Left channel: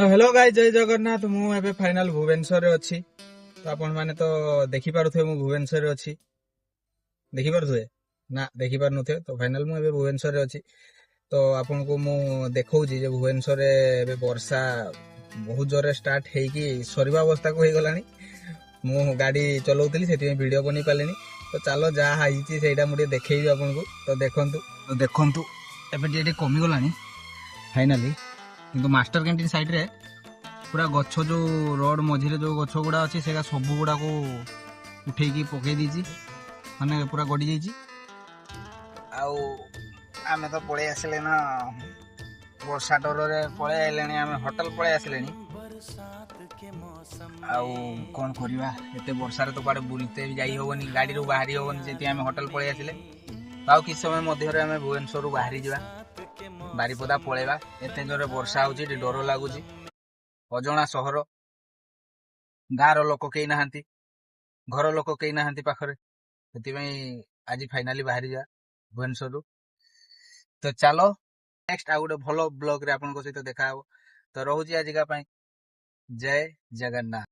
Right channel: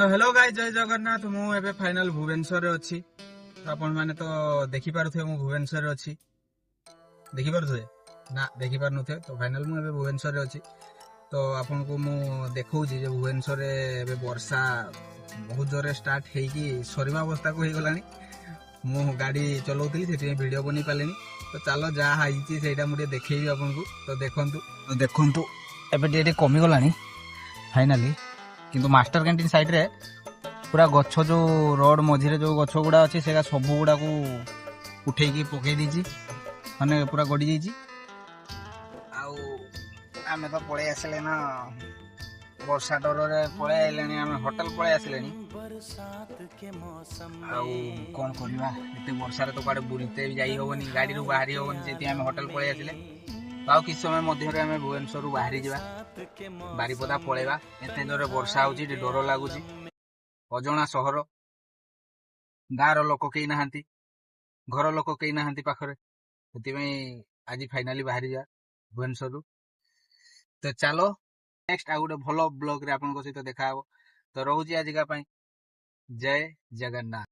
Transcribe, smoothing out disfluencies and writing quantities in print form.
तो hello guys, जय जगन्नाथ। मु एबे फाइनल भुवनेश्वर रे अछि। तो आपण माने तो देखि पारुथे मु भुवनेश्वर रे अछि। देखि पारुथे ना देखि पारुनथे। तो फाइनल मु एबे भुवनेश्वर रे अछि। तो आपण को मु देखौजी जे भुवनेश्वर रे एबे वर्षा बहुत जोरे स्टार्ट हेकी सरीबा अवस्था को हे गलानी। मु गाड़ी चलाउतली सेति वीडियो बनी पालेनी। तो चलो जा हाइची सेटा मु देखेबी आपण को। तो देखंतु एबे जे कमी गलानी फाइनली। किंतु मास्टर कैंटीन साइड रे पूरा गछ जो रोड मझे जो गछ गुड़ा अच्छी से सब गुड़ा को उठेकी पकई दीची माने पूरा गड़ी जाइए। आमे तो पड़े आसले ना वर्षा डर पड़े आइले आम होटेल पड़े आसले कौन करवा एत वर्षार तो कड़े बुलते भी जाई हेनी गाड़ी रू बाहरी हेनी से होटेल पड़े आसले। आउ कि समय मध्य आम भुवनेश्वर बाहरी जा बारिपदा पलैबा एत जोरे वर्षा होची डर लगुच अजणा सहर गाँव लोक कई ना घर लोक कई ना पाखरे से आज फाइनाली बाहरी जा भुवनेश्वर। तो चलो नेक्स्ट आउ गोटे भल ब्लॉग रे आपन सहित देखा हो। तो रोची आजिका जय जगन्नाथ।